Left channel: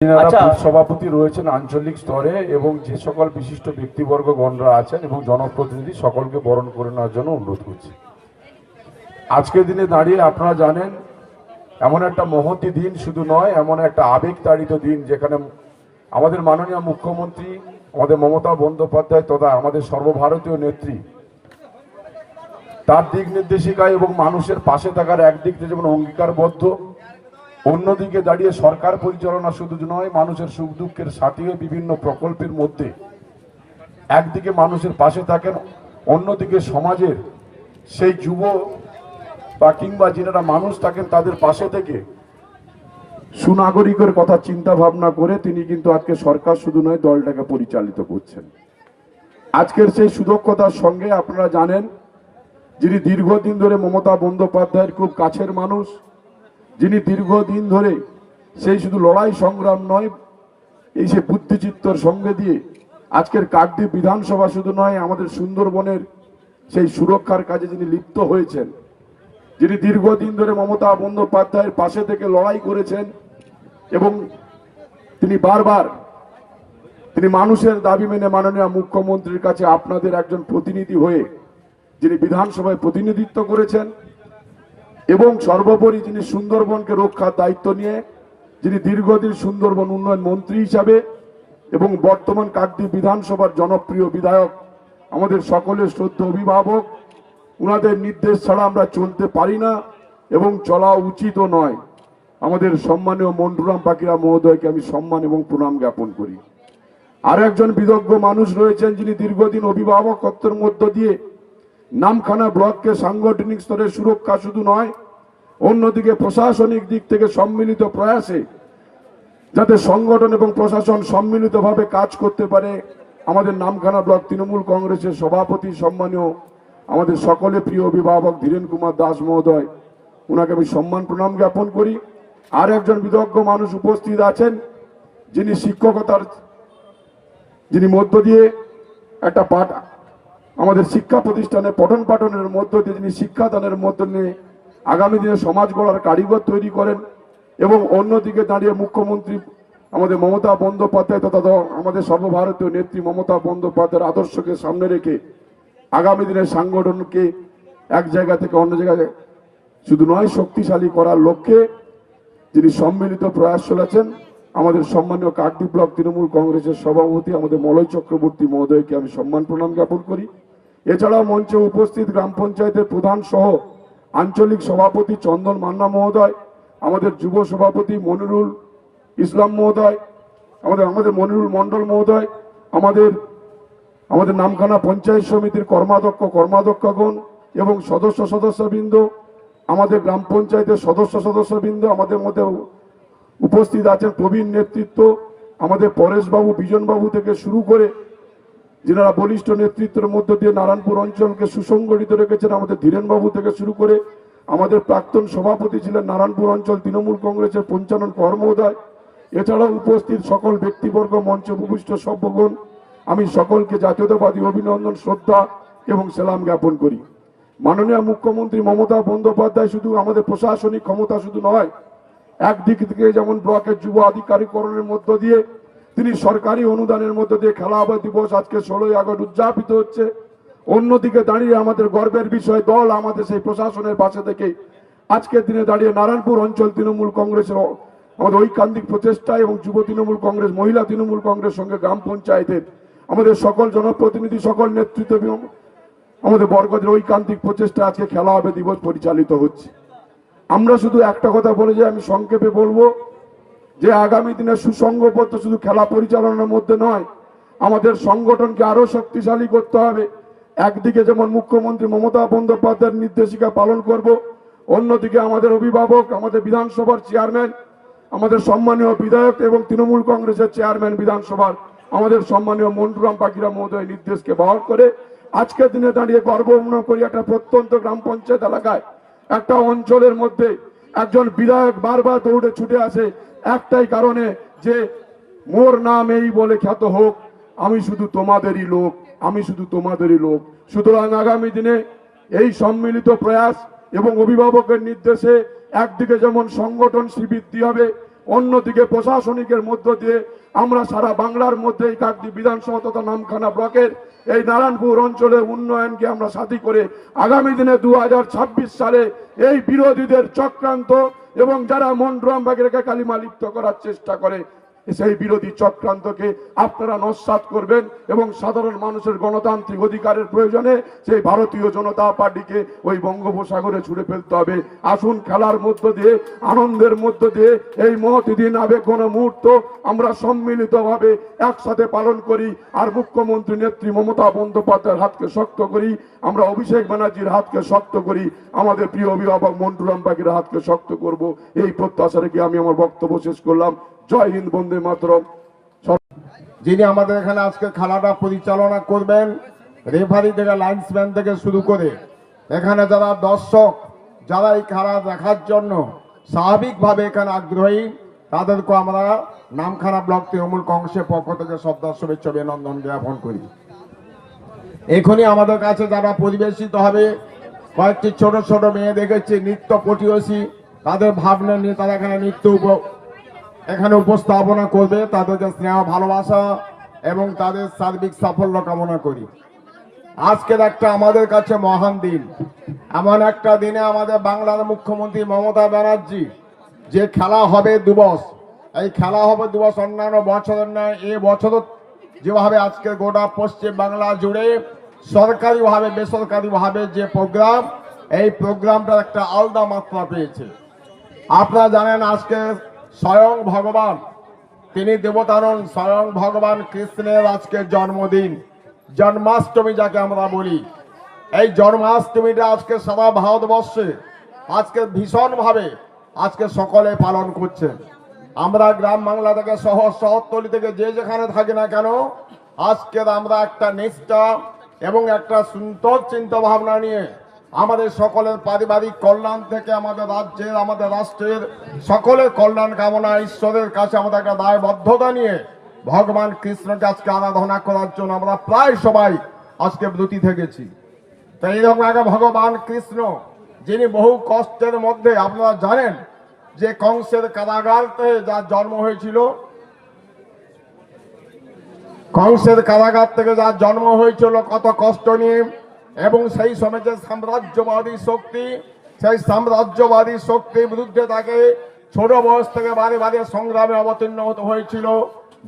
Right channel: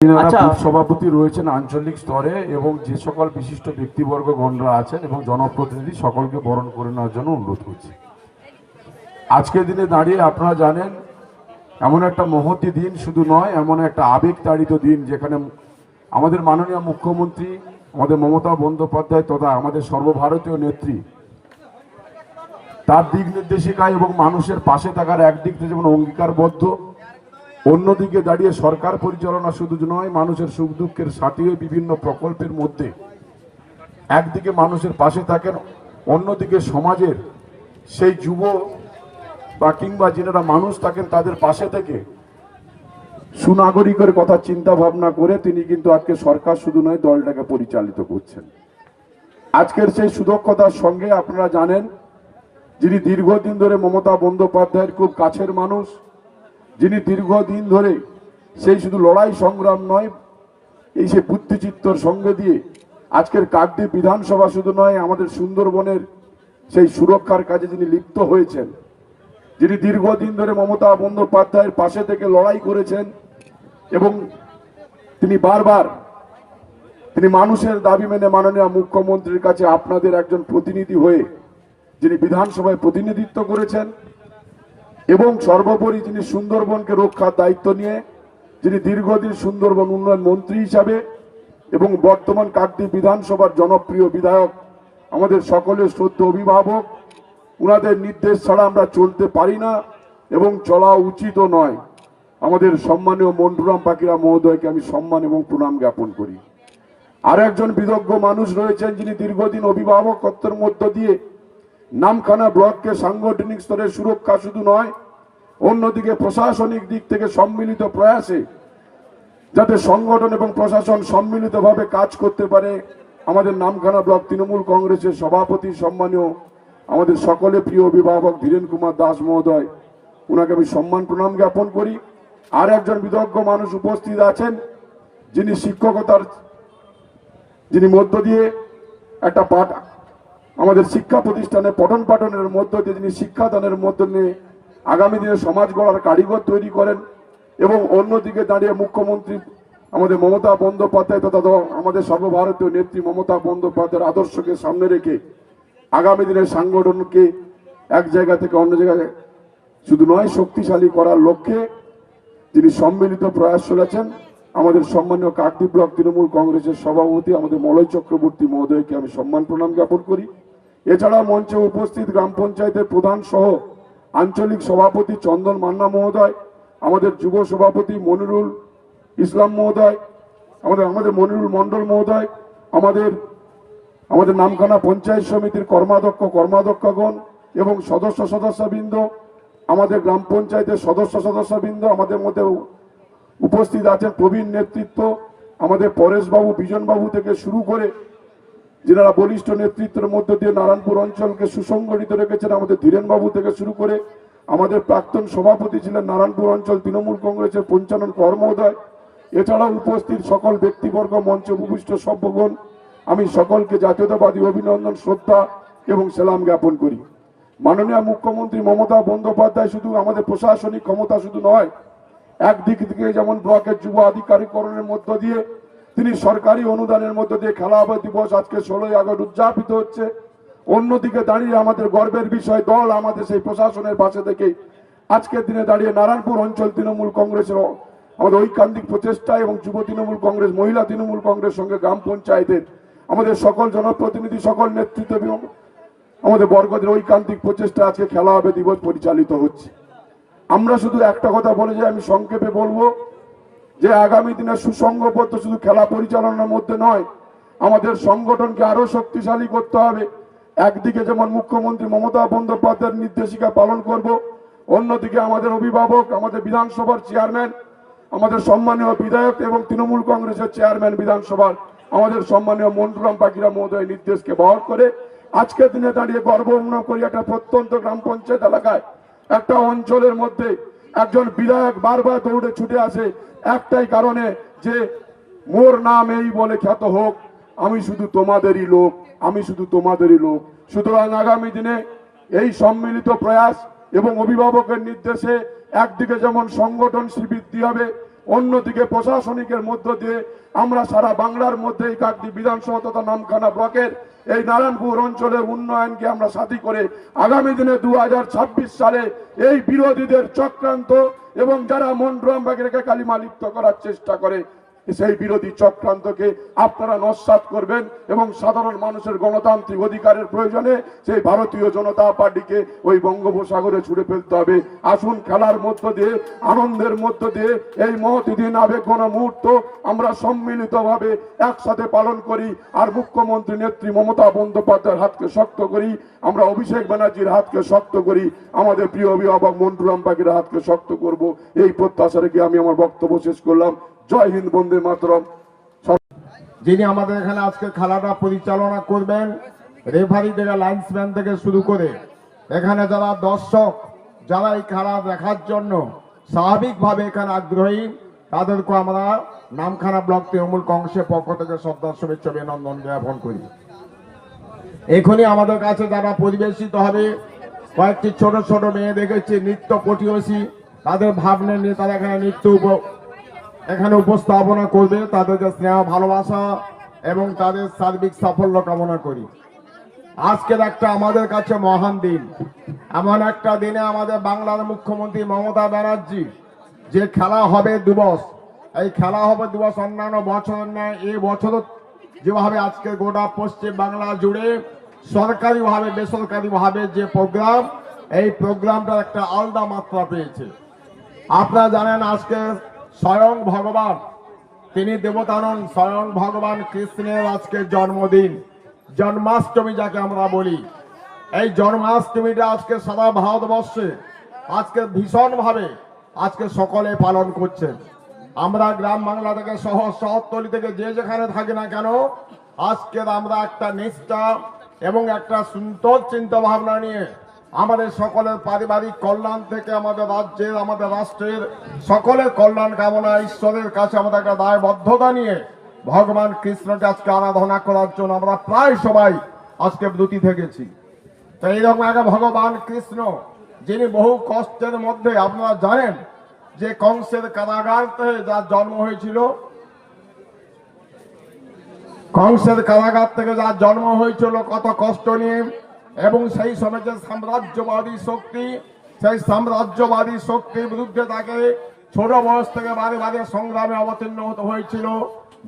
আচ্ছা। সভাপতি রয়েছেন আঞ্চলিক স্তরে এবং যে সকল বিশিষ্ট ব্যক্তিবর্গ গণরা আছেন এবং জনপ্রতিনিধি সকলকে বরণ করে নেওয়ার জন্য অনুরোধ করছি আজকের দিনে দাঁড়িয়ে আপনারা জানেন এমন একটা মহতি দিন শুধু নয় এমন একটা আবেগ তাড়িত দিন যেখানে আমাদের মাননীয় মুখ্যমন্ত্রী আমাদের মমতা বন্দ্যোপাধ্যায় তথা আমাদের সর্বভারতীয় নেত্রী তার দিক নির্দেশিকা এবং মানুষের পাশে থাকার একদিক থেকে যেমন অঙ্গীকারবদ্ধ অন্যদিকে দাঁড়িয়ে সরকার পরিচালনা শুধু নয়, মানুষের সুখ দুঃখের সাথী বিভিন্ন প্রকল্পের মধ্যে। একদিকে মানুষের পাশে থাকেন, অন্যদিকে সমাজের সেই যুব বা কিংবা যারা মানুষ থাকেন, তাদের পাশে থেকে সুনাগরিকের কথা চিন্তা ভাবনা করে তিনি কিন্তু আজকে সরকার শুধু নয়, দলটাকে পরিচালিত করছেন। আজকের সেই সুদক্ষতার সঙ্গে আপনারা জানেন, যিনি দীর্ঘদিন ধরে মমতা বন্দ্যোপাধ্যায়ের খুব কাছের মানুষ যিনি দীর্ঘদিন ধরে সেই শুধু লড়াই সংগ্রাম নয়, এই সে বুদ্ধিচিত্তর সঙ্গে দিয়ে আজকের কাকদ্বীপ বিধানসভা শুধু নয়, আমাদের সুন্দরবনের সেই সুরক্ষার কাজে যিনি লিপ্ত হয়েছেন, যিনি দীর্ঘদিন ধরে মমতা বন্দ্যোপাধ্যায়ের পাশে থেকে লড়াই করেছেন এবং তিনি বারবার, তিনি মানুষের দাবি মেনে মাননীয় মুখ্যমন্ত্রীর কাছে আপনাদের একজন প্রতিনিধি হয়ে যিনি বিধানসভায় প্রতিনিধিত্ব করেছেন এবং সর্বোপরি যিনি সুন্দরবনকে রক্ষার দায়িত্ব নিয়ে, যিনি দীর্ঘদিন সুন্দরবন উন্নয়ন মন্ত্রী হিসাবে এবং বর্তমান কাকদ্বীপ বিধানসভার জনপ্রিয় বিধায়ক, আমাদের সকলের শ্রদ্ধ অভিভাবক, উনাদের নির্দেশ ছাড়া আমরা চলতে পারি না এবং চলা উচিতও নয়। আমাদের সম্মানীয় মন্টুরাম পাখিরা মহোদয়কে আমি সম্মান এবং প্রণাম জ্ঞাপন করি। আর একজন বিদগ্ধ মানুষ রয়েছেন যিনি দীর্ঘদিন অভিভাবকত্বের মধ্য দিয়ে নামখানা ব্লককে সাংগঠনিক স্তরে সুরক্ষা শুধু নয়, অন্যদিকে প্রশাসনিক দিক থেকে সম্মিলিত প্রয়াসে যাতে সংগঠন এবং প্রশাসন সম্মিলিতভাবে কাজ করতে পারে, আমাদের নামখানা ব্লক তৃণমূল কংগ্রেসের সভাপতি সম্মানীয় আমাদের সকলে প্রিয় অভিভাবক ধীরেন কুমার দাস মহোদয়। ওনাকে আমি সম্মান প্রণাম জ্ঞাপন করি। আর একজন বিদগ্ধ মানুষ উপস্থিত আছেন, যিনি শিক্ষকতার, যিনি মধ্য দিয়ে একটা পাঠ আমাদের শিক্ষা প্রতিষ্ঠানে পঠন পাঠনের মধ্য দিয়ে যিনি শিক্ষাদানের মধ্য দিয়ে আগামী দিনে সমাজ গড়ার কারিগর তৈরি করেন এবং অন্যদিকে দাঁড়িয়ে মুখ্যমন্ত্রী আমাদের মমতা বন্দ্যোপাধ্যায় তথা আমাদের সর্বভারতীয় নেত্রী মমতা বন্দ্যোপাধ্যায়ের আদর্শকে সামনে রেখে আগামী দিনের সাংগঠনকে এক জায়গা থেকে অন্য জায়গায় শুধু নয়, শক্তিশালী করার লক্ষ্যে যিনি সম্মিলিত প্রয়াস চলেছেন আমাদের সম্মানীয় কাকদ্বীপ ব্লক তৃণমূল কংগ্রেসের সভাপতি আমাদের মলয় চক্রবর্তী মহোদয়কে আমি সম্মান প্রণাম জ্ঞাপন করি। এছাড়াও মঞ্চে উপস্থিত গ্রাম পঞ্চায়েতের প্রধান সহ আঞ্চলিক সভাপতি চন্দন মান্না মহোদয়, আমাদের যুব সভাপতি মনিরুল ইসলাম মহোদয়, আমাদের আমাদের মনিরুল মণ্ডল মহোদয়, আমাদের আমাদের নামখানা পঞ্চায়েত সমিতির কর্মাধ্যক্ষ, কর্মাধ্যক্ষগণ এবং সদস্য সদস্যবৃন্দ, আমাদের গ্রাম পঞ্চায়েতের সদস্য সদস্যবৃন্দ, আমাদের মধ্যে উপস্থিত আছেন প্রবীণ নেতৃত্ব, আমাদের পরেশবাবু, বিজনবাবু থেকে শুরু করে যারা বলিষ্ঠ নেতৃত্বের মধ্য দিয়ে নারায়ণপুর অঞ্চলকে সুসংগঠিত রেখেছেন, আমাদের ধীরেনবাবু থেকে শুরু করে আমাদের প্রাক্তন সভাপতি ছিলেন নারায়ণপুর অঞ্চল তৃণমূল কংগ্রেসের পঞ্চানন কর্মোদয় এছাড়াও উপস্থিত সকল ব্যক্তিবর্গ, মঞ্চে উপবিষ্ট সভ্যগণ। আমি সকলকে জাতীয়তাবাদী অভিনন্দন, শ্রদ্ধা এবং সেলাম জ্ঞাপন করি। মাননীয় মুখ্যমন্ত্রী মমতা বন্দ্যোপাধ্যায় শুধু আমাদের প্রশাসনিক ক্ষমতা শুধু নয়, একদিক থেকে যেমন ব্লকের যুব আধিকারিকরণের মধ্য দিয়ে তিনি সরকারি অনুদানের মধ্য দিয়ে খেলাবা দিবস আজকে ষোলোই আগস্ট উদযাপিত হচ্ছে। অন্যদিকে দাঁড়িয়ে আমাদের গর্বের বিষয়, দল আমাদের সেই প্রশাসনের পাশে থেকে আজকের দিনে দাঁড়িয়ে নারায়ণপুর অঞ্চল তৃণমূল কংগ্রেসের আমাদের ঐকান্তিক প্রচেষ্টা এবং যুব তৃণমূল কংগ্রেস, মহিলা তৃণমূল কংগ্রেস সঙ্গে গ্রাম পঞ্চায়েতের আমাদের সকল জনপ্রতিনিধি, সকল নেতৃত্ব এবং আমাদের বর্গদের ঐকান্তিক প্রচেষ্টা আজকে খেলা হবে দিবস পরিচালিত হচ্ছে। আমরা শুধু একটা কথা বলে যে আমি সংক্ষেপে বলব যে আগামী দিনে সুসংঘবদ্ধ শুধু খেলা পরিচালনার মধ্যে নয়, আমাদের সংগঠনকে আরও শক্তিশালী করতে হবে। একদিকে যেমন মুখ্যমন্ত্রী মমতা বন্দ্যোপাধ্যায়ের নির্দেশিকা পালন করব, অন্যদিকে আমাদের অভিভাবক, আমাদের বিধানসভার চেয়ারম্যান, আমাদের সম্মানীয় বিধায়ক এবং তৃণমূল কংগ্রেসের চেয়ারম্যান বিধানসভার, আমাদের সম্মানীয় মন্টুরাম পাখিরা মহোদয় নির্দেশকে বহন করে আজকের দিনে দাঁড়িয়ে গর্ব করি একটা প্রত্যন্ত গ্রাম পঞ্চায়েত এলাকায়, একটা অঞ্চলের মধ্যে একজন বিধায়ক বারবার দৌড়ে ছুটে আসে একটাই কারণে যে মোর নাম এই বলে খ্যাত হোক, আমি শুধু তোমাদেরই লোক, আমি শুধু তোমাদেরই লোক। সুতরাং আগামী দিনে এই সম্মিলিত প্রয়াস এবং অভিভাবকের নির্দেশে একদিকে যেমন সংগঠন বৃদ্ধি হবে অন্যদিকে প্রশাসনিকের মধ্য দিয়ে আমরা সারা বাংলার মধ্যে এই কাকটি বিধানসভা তথা নামখানা ব্লকের এই নারায়ণপুর অঞ্চলে উন্নয়নকে আমরা সাথী করে আগামী দিনে দু হাজার ছাব্বিশ সালে এই বিরোধীদের চক্রান্ত এবং যারা মন্ড্রম বাগেরকে কালিমা লিপ্ত করার চেষ্টা করে সেই বিরোধী চক্রান্তকে আপনারা নস্বাত করবেন এবং সাধারণ মানুষের গণতান্ত্রিক অধিকারের প্রয়োজনে সেই ভারতীয় জনতা পার্টিকে ওই বঙ্গোপসাগরে ছুড়ে ফেলতে হবে। আসুন খেলার মধ্য দিয়ে, আনন্দের মধ্য দিয়ে, এই মহতি দিন আবেগ কোনো মুহূর্ত আমরা সম্মিলিতভাবে একসাথে পালন করি আর মুখ্যমন্ত্রী নেত্রী মমতা বন্দ্যোপাধ্যায়ের হাতকে শক্ত করি, আমরা অভিষেক ব্যানার্জির হাতকে শক্ত করি, আমাদের প্রিয় অভিভাবক মন্টুরাম পাখির হাতকে শক্ত করব। এই প্রত্যাশা রেখে আমি আমার বক্তব্য শেষ করলাম? জয় হিন্দ, বন্দে মাতরম। যিনি আমাদের এখানে আজকে খেলাটা পরিচালনা করবেন রেফারি থেকে লাইন্সম্যান থেকে শুরু করে, এখানে যারা দর্শক, যারা এই খেলা দেখার জন্য স্বাভাবিকভাবে এখানে আগ্রহী তাদেরকে আমরা নামখানা ব্লক তৃণমূল কংগ্রেসের পক্ষ থেকে শ্রদ্ধা, শুভেচ্ছা, অভিনন্দন জ্ঞাপন করি। এখনই আমাদের কাছে যারা পরিবেশিত হবে, কয়েকটি ছোট ছোট মেয়ে দেখেছি, নৃত্য পটিয়সী তাদের ভাবনা নিয়ে তারা এখানে নৃত্য এখানে উপস্থাপনা করবে তাদেরকে স্নেহ, ভালোবাসা এবং তাদের সার্বিক সাফল্য কামনা করি। আজকের একটা আমাদের কাছে মহান দিন। এমন একটা দিনে আমাদের বাংলার মুখ্যমন্ত্রী মমতা ব্যানার্জি, যে খেলা হবে দিবস, এই খেলা হবে দিবস অন্যান্য বছরের ন্যায়, এ বছর যেভাবে আজকে গোটা পশ্চিম বাংলা জুড়ে সরকারিভাবে, বেসরকারিভাবে যে প্রোগ্রাম, এই প্রোগ্রামটার একটা আলাদা মাত্রা পেয়েছে। আপনারা জানেন আজকে স্বয়ং ভগবান, তিনি দেবতানন স্বয়ং ভগবান কৃষ্ণের আজকে জন্মদিন। জন্মাষ্টমী যাকে আমরা বলি, এই জন্মাষ্টমীটা আজকে সারা ভারতবর্ষে আজকে ভীষণভাবে আজকে সকলে পালন করছে। আমরা গ্রাম বাংলা থেকে শহর শহরতলি থেকে যে যেখানে থাকি না কেন, আজকের আমরা একটা নিষ্ঠা এবং একটা সুন্দর চিন্তা ভাবনা নিয়ে আমাদের সকলের পারিবারিক কল্যাণ থেকে আমাদের রাজ্যের, আমাদের রাষ্ট্রের সকলের কল্যাণ কামনা ঈশ্বরের কাছে আমাদের একটা দায়বদ্ধতা নিয়ে ভগবান কৃষ্ণকে আজকে আরাধনা করার জন্য আমরা প্রায় সবাই আজকে ব্রতী থেকেছি। তো এইরকম একটা ভগবান কৃষ্ণ, যিনি বহু কষ্টের মধ্যে, আপনারা জানেন যে কংসের কারাগার থেকে যার জন্ম হয়েছিল? কংসের কারাগার থেকে যার জন্ম হয়েছিল, কত কষ্ট নিয়ে এবং সেই সময় যে সাম্রাজ্যবাদী শক্তি, সেই সাম্রাজ্যবাদী শক্তির বিরুদ্ধে তাকে ছোট বয়স থেকে বারে বারে সংগ্রামে অবতীর্ণ হয়েছিল।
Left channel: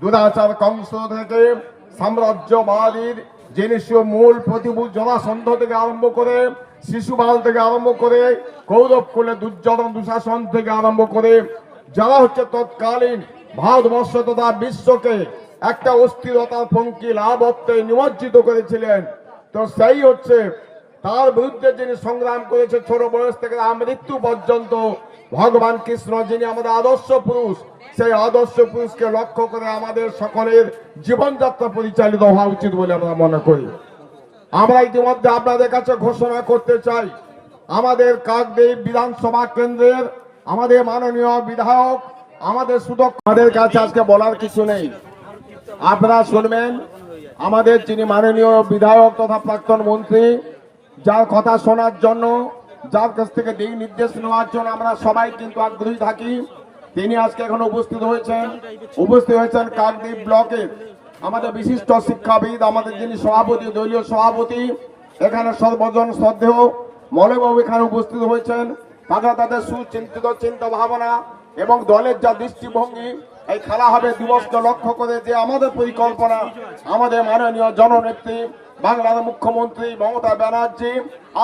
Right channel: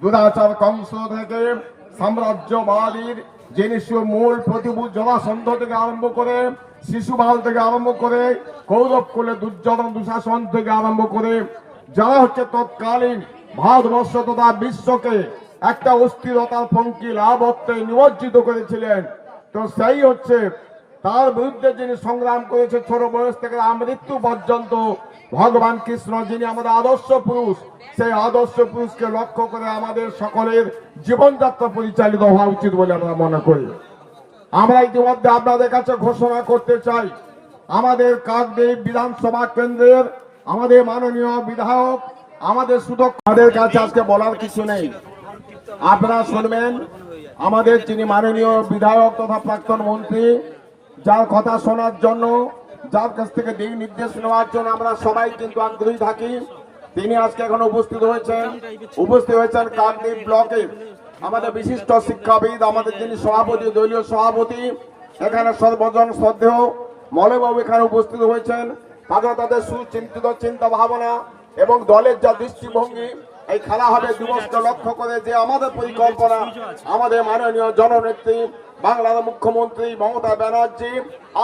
দুরাচার কংস থেকে সাম্রাজ্যবাদীর যিনি মূল প্রতিভূত জলাসন্ধ থেকে আরম্ভ করে, শিশুপাল থেকে আরম্ভ করে কৌরব কুলে দুর্যোধন দুঃশাসন থেকে আরম্ভ করে, যারা হচ্ছে তৎকালীন ভারতবর্ষ তথা বিশ্বকে একটা অস্থিরতার পঙ্কি লাভত্বে নিমজ্জিত করেছিলেন তো সেই হচ্ছে তার বিরুদ্ধে যিনি সংগ্রাম করেছে ছোট বয়স থেকে মৃত্যু পর্যন্ত, ভগবান কৃষ্ণ যিনি আমাদের আদর্শ পুরুষ, সেই আদর্শ পুরুষকে লক্ষ্য করে আমাদের সকলের জীবনযাত্রা পরিচালিত হওয়া উচিত বলে আমরা মনে করি। আমরা ইতিমধ্যে আপনাদের কাছে ঘোষণা করতে চাই, আমাদের কাকদ্বীপ বিধানসভা কেন্দ্রের আমাদের মাননীয় বিধায়ক, আমাদের সুদক আমাদের কাছে আজকে বলার কিছু নেই। আপনারা শুনবেন আমাদের যিনি মাননীয় বিধায়ক তথা প্রাক্তন মন্ত্রী, যার কথা শোনার জন্য, যার কাছ থেকে দিক নির্দেশ নেওয়ার জন্য আমরা সবাই কিন্তু আগ্রহী থাকি। তিনি আজকে এখন উপস্থিত হয়েছেন। উপস্থিত হয়েছেন কাকদ্বীপ ব্লকে আমাদের বিশিষ্ট শিক্ষাবিদ, আমাদের যিনি সভাপতি, দলীয় সভাপতি, এখানে সর্বজন শ্রদ্ধেয়। মলবাবু এখানে উপস্থিত হয়েছেন। তারা তাদের সুচিন্তিত চিন্তা ভাবনা এবং দলের যা দৃষ্টিভঙ্গি এই খেলা হবে দিবসকে লক্ষ্য করে যে আমাদের পরিকল্পনা, আমাদের মাননীয় জননেত্রী, বাংলার মুখ্যমন্ত্রী মমতা ব্যানার্জি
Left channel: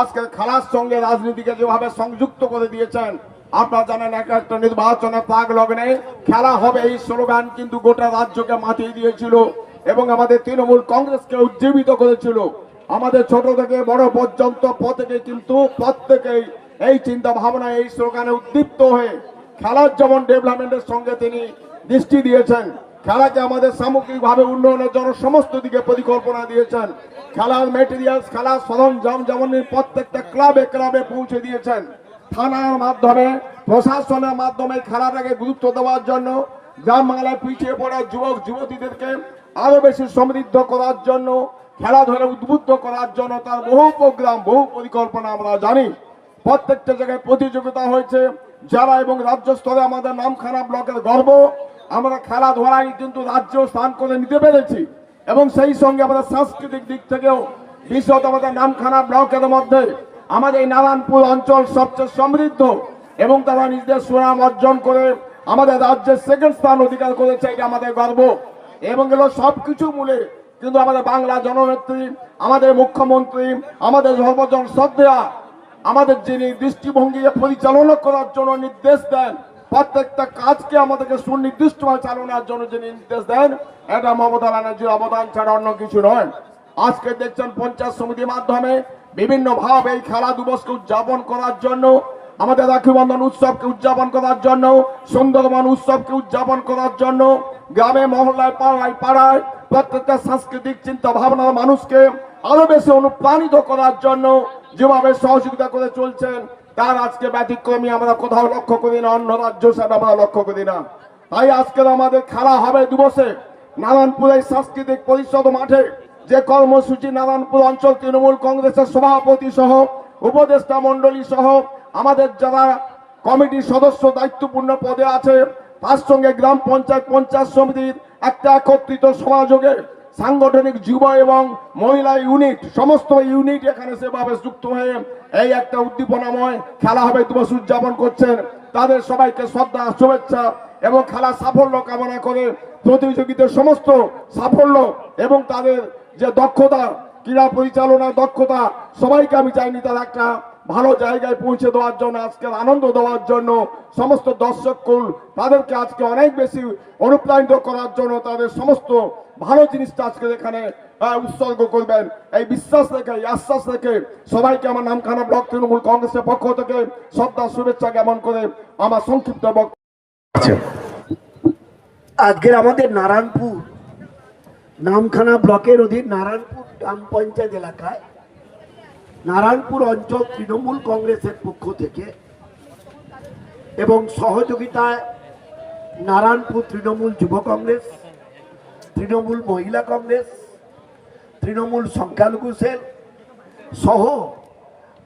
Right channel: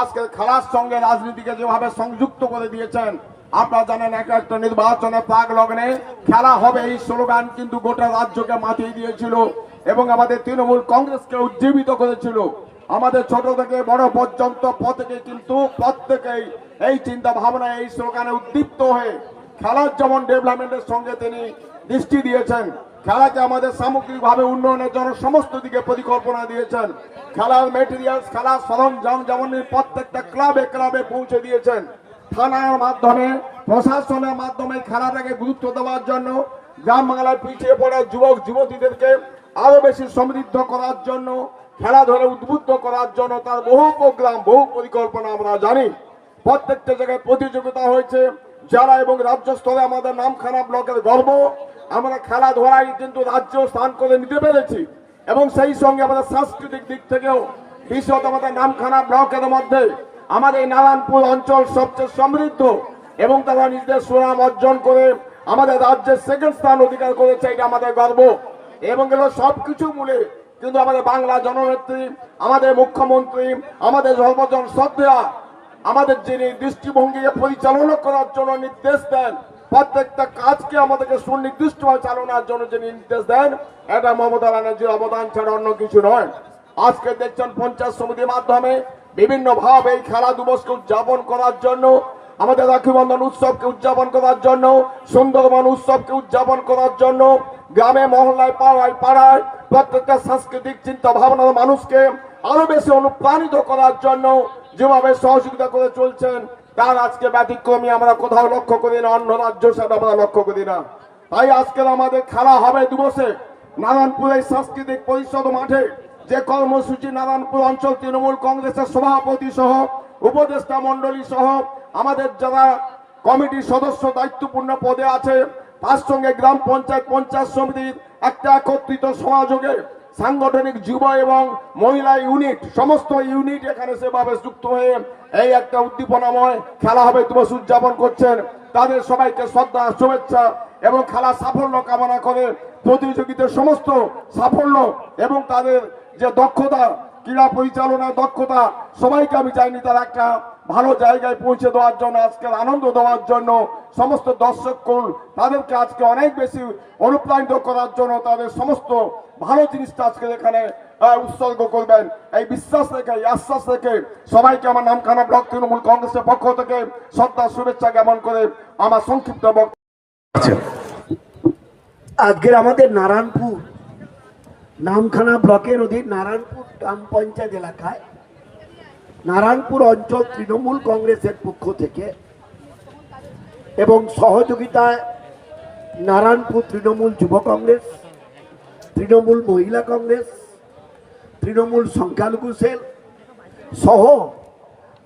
আজকে খেলার সঙ্গে রাজনীতিকে যেভাবে সংযুক্ত করে দিয়েছেন, আপনারা জানেন এক একটা নির্বাচনের প্রাক লগ্নে খেলা হবে এই স্লোগান কিন্তু গোটা রাজ্যকে মাতিয়ে দিয়েছিল এবং আমাদের তৃণমূল কংগ্রেসকে উজ্জীবিত করেছিল। আমাদের ছোট থেকে বড় পর্যন্ত প্রত্যেকে কিন্তু প্রত্যেকেই এই চিন্তা ভাবনা, এই স্লোগানে উদ্দীপ্ত হয়ে খেলার যেমন ডেভেলপমেন্টের সঙ্গে তিনি দৃষ্টি দিয়েছেন। খেলাকে আমাদের সামগ্রিকভাবে উন্নয়নের জন্য সমস্ত দিকে পরিকল্পনা দিয়েছেন। খেলার মেটেরিয়ালস খেলার সরঞ্জাম যেমন প্রত্যেকটা ক্লাবে ক্লাবে পৌঁছে দিয়েছেন, থানার মাধ্যমে, প্রশাসনের মাধ্যমে খেলাটাকে গুরুত্ব দেওয়ার জন্য, গ্রাম বাংলায় পিছিয়ে পড়া যুবক, যুবতীদেরকে আরও বেশি সমৃদ্ধ করার জন্য, খেলাধুলা উদ্বুদ্ধ করার জন্য তার বহু প্রোগ্রাম বহু পরিকল্পনা আমরা জানি। প্রত্যেকটা জায়গায় প্রতিযোগিতা হয়েছে। জেলা এবং রাজ্য স্তরে আমাদের নামখানা ব্লকের গর্ব আমরা খেলাধুলায় কিন্তু রাজ্য স্থান করে নিতে পেরেছি। এবং সেই সঙ্গে আমাদের সাংস্কৃতিক দিক থেকেও বিশেষত আমাদের নামখানা ব্লকের মধ্যে আমাদের এই নারায়ণপুর অঞ্চল সবচেয়ে সমৃদ্ধ এবং তারা নিজেদের সুনাম অর্জন করে আমাদের রাজ্যের সেকেন্ড স্থান অধিকার করেছে, এটা আমাদের গর্ব। এবং এগুলো সবকিছু মূলে কিন্তু আমাদের বাংলা জননেত্রী, আমাদের মুখ্যমন্ত্রী, আমাদের সর্বজন শ্রদ্ধা আমাদের যিনি দৃষ্টিভঙ্গি পরিচালনা করার জন্য নির্দেশ দেন প্রত্যেকটা কাজকে আমাদেরকে সুনির্দিষ্টভাবে চালানোর জন্য যে নির্দেশ দেন, এটা মমতা ব্যানার্জির অবদান ছাড়া অন্য কিছু নয়। আজকে দেখছেন পঞ্চায়েত সমিতির মাধ্যমে বিভিন্ন ভাবে এই খেলা দিবসকে উদযাপন করার জন্য, আমাদের রাখি বন্ধন উৎসবকে উদযাপন করার জন্য, সুন্দরবন উৎসবকে উদযাপন করার জন্য, গ্রামে, মহল্লায়, পাড়ায় পাড়ায় প্রত্যেকটা সাংস্কৃতিক চিন্তা ভাবনার মানুষকে আরও বেশি অনুপ্রাণিত করার জন্য যেভাবে সহযোগিতা করে চলছেন তার আজকে ব্যতিক্রমী আমরা কোথাও লক্ষ্য করি না, অন্য রাজ্য সেটা আমরা লক্ষ্য করি না। তাই আজকে আমাদের খেলা হবে দিবসে নারায়ণপুরের সাংস্কৃতিক পরিষদ মাঠে। যে কর্মসূচি নারায়ণপুর অঞ্চল তৃণমূল কংগ্রেসের সভাপতি সহ, উপদেষ্টা মন্ডলী সহ, আমাদের যারা কমিটির সদস্য দায়িত্বপূর্ণ পদে আছে, তার সঙ্গে গ্রাম পঞ্চায়েত পঞ্চায়েত সমিতির একটা একত্রিত সমাযোগে সাংগঠনিক যুব এবং মহিলা ইউনিট, সমস্ত ইউনিট এখানে সেভাবে যুক্ত হয়ে এই একটা উদ্দীপনাময় খেলা হবে দিবস উদযাপন করছেন। তাদের সবাইকে শ্রদ্ধা, শুভেচ্ছা এবং খেলা সাফল্য কামনা করে প্রতিযোগিতার সমস্ত সাফল্য এবং তাদের যে দক্ষতা, ক্রীড়া পরিচালনার দক্ষতা, সবাইকে আমি চাইনি তার একটা ভালো জায়গায় পৌঁছে দেওয়ার জন্য, আজকে আনন্দ দেওয়ার জন্য, সমস্ত দর্শক কুল, তাদেরকে আজকে অনেক বেশি অনুপ্রাণিত করার জন্য তাদের সমস্ত ভালো জিনিসটা আজকে এখানে উৎসর্গ করবেন। এই বিশ্বাস রেখে, এই আশ্বাস রেখে সবাইকে আমার নামখানা ব্লক তৃণমূল কংগ্রেসের পক্ষ থেকে শ্রদ্ধা শুভেচ্ছা জ্ঞাপন করে আমার সংক্ষিপ্ত আজকের আমাদের নারায়ণপুর নামখানা ব্লকের অধীন নারায়ণপুর গ্রাম পঞ্চায়েত এলাকায় নারায়ণপুর অঞ্চল তৃণমূল কংগ্রেসের পক্ষ থেকে এবং সহযোগিতায় নারায়ণপুর তৃণমূল যুব কংগ্রেস, তৃণমূল মহিলা কংগ্রেস, তৃণমূল সংখ্যালঘু সেল সহ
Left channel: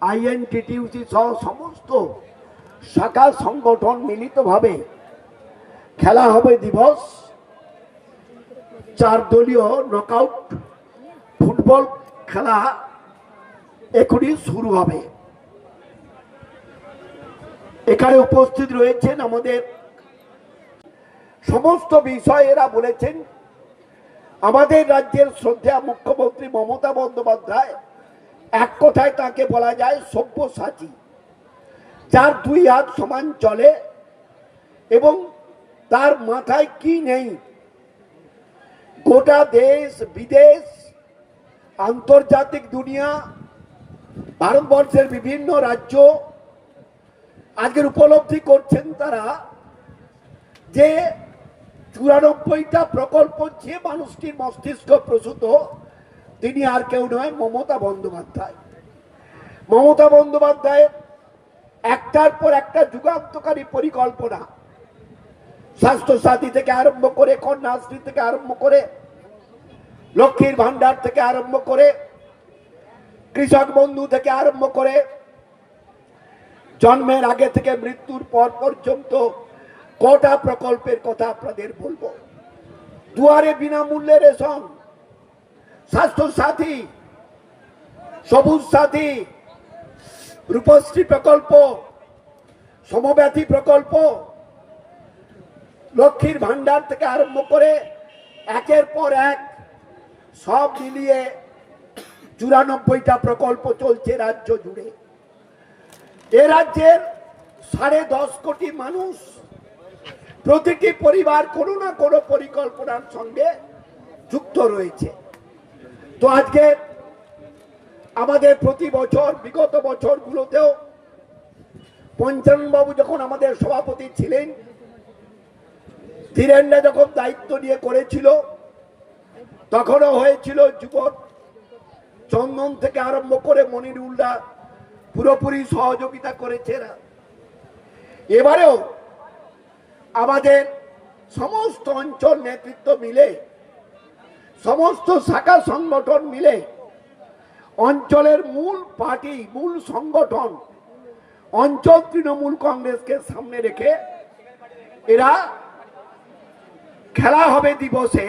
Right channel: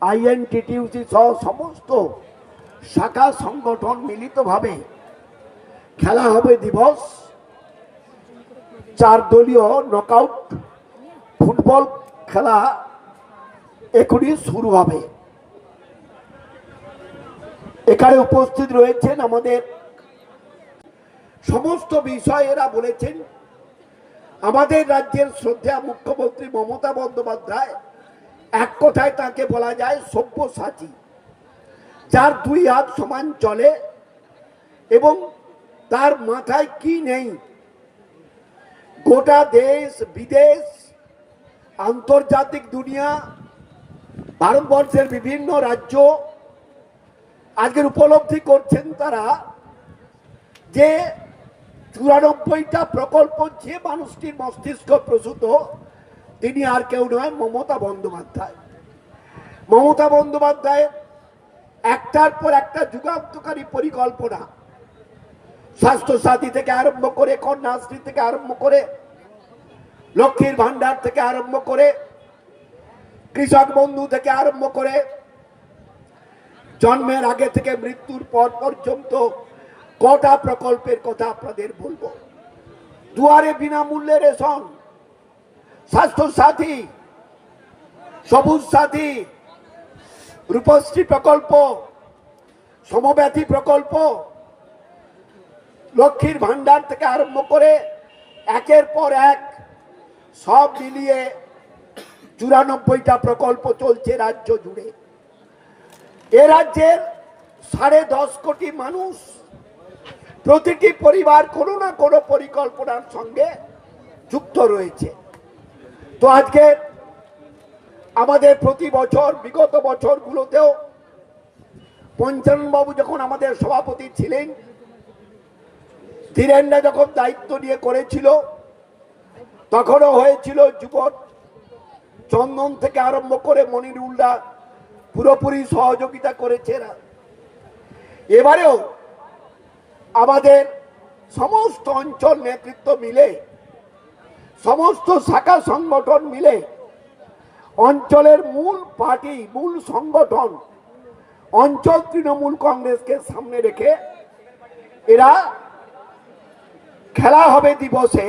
আইএনটিটিউসি সহ সমস্ত শাখা সংগঠন মিলিতভাবে খেলা হবে দিবস। চার দলীয় নকআউট ফুটবল খেলা এখনই শুরু হবে। এখানে উপস্থিত রয়েছেন আমাদের সমস্ত বিষয় এরা বলেছেন, আমাদের রাজ্যের শ্রদ্ধা মুখ্যমন্ত্রী মমতা বন্দ্যোপাধ্যায়, এক কথায় তাকে বলা যায় সব্যসাচী। যার দুই হাত সমান চলে এবং তার মাথায় কি নেই? গোটা দেশ, বিদেশ, আন্তর্জাতিক দুনিয়া ভারতবর্ষের বিভিন্ন রাজ্য আজকের উপলব্ধি করছেন তারা যে চুরানব্বইটা প্রকল্প যে মানুষটির মস্তিষ্ক প্রসূত, তিনি আর কেউ নয়, মমতা বন্দ্যোপাধ্যায়। মমতা বন্দ্যোপাধ্যায় একটার পর একটা যুগান্তকারী পরিকল্পনা। স্বাস্থ্য সাথী থেকে আরম্ভ করে, কন্যাশ্রী থেকে আরম্ভ করে, লক্ষ্মীর ভান্ডার থেকে আরম্ভ করে কৃষক বন্ধু থেকে আরম্ভ করে জন্মের আগে থেকে মৃত্যুর পর পর্যন্ত কটা প্রকল্পের কথা আপনাদের বলব? দুয়ারে বিনামূল্যে রেশন স্বাস্থ্য সাথী সবুজ সাথী রূপশ্রী প্রকল্প সমব্যাথী প্রকল্প, লক্ষ্মীর ভান্ডার থেকে আরম্ভ করে একের পর এক সব মিলিয়ে চুরানব্বইটা প্রকল্প চলছে রাজ্য জুড়ে। এ রাজ্যের সাড়ে দশ কোটি মানুষ প্রতিটি পরিবার কোনো না কোনো পরিকল্পনার সঙ্গে যুক্ত রয়েছে। তো আজকে আমাদের প্রতি বছর, বিগত বছরগুলোতেও পঞ্চানবাবু যখন আমাদের সভাপতি ছিলেন ধীরেন্দ্র যখন দায়িত্ব নিয়ে করেছিল, তখনও হয়েছিল যুবক চন্দন থেকে আরম্ভ করে মনিরুল্লাহ পুরোপুরি সহযোগিতা করেছে এরা। এবারেও আমাদের সমস্ত অঞ্চল নেতৃত্ব মিলে, সমস্ত শাখা সংগঠন মিলে অঞ্চলের মূল পার্টি, মূল সংগঠন, অঞ্চল তৃণমূল কংগ্রেসকে সামনে রেখে এরা খেলা হবে দিবসে।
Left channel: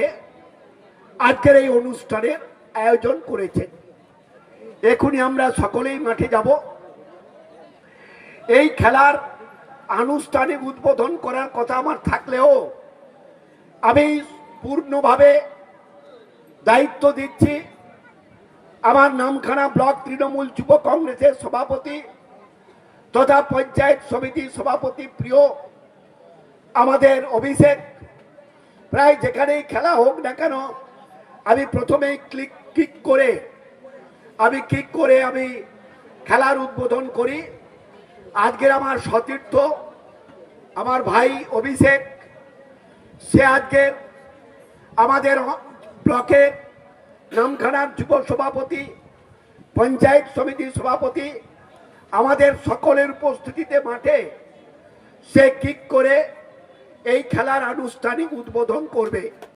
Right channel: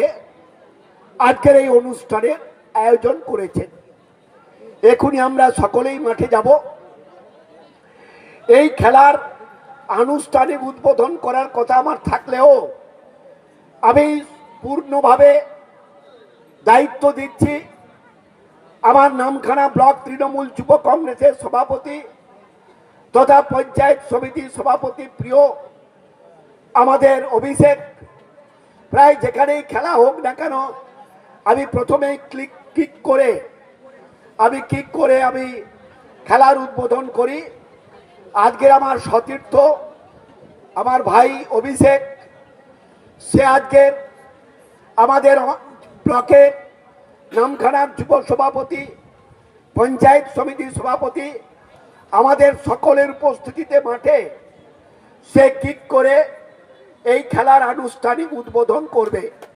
আজকের এই অনুষ্ঠানের আয়োজন করেছেন। এখনই আমরা সকলেই মাঠে যাব। এই খেলার আনুষ্ঠানিক উদ্বোধন করার কথা আমার থাকলেও আমি পূর্ণভাবে দায়িত্ব দিচ্ছি। আমার নামখানা ব্লক তৃণমূল যুব কংগ্রেসের সভাপতি তথা পঞ্চায়েত সমিতির সভাপতি প্রিয় আমাদের অভিষেক। প্রায় যেখানেই খেলা হোক না কেন, আমি প্রথমেই ক্লিক ক্লিক করে আমি কিক করে আমি খেলার উদ্বোধন করি। আজকের আমার সতীর্থ, আমার ভাই অভিষেক, সে আজকের আমাদের ব্লকের নামখানার যুব সভাপতি, পঞ্চায়েত সমিতির সভাপতি, আমাদের সকলের উপস্থিতিতে মাঠে সে কিক করে এই খেলার আনুষ্ঠানিক উদ্বোধন করবে।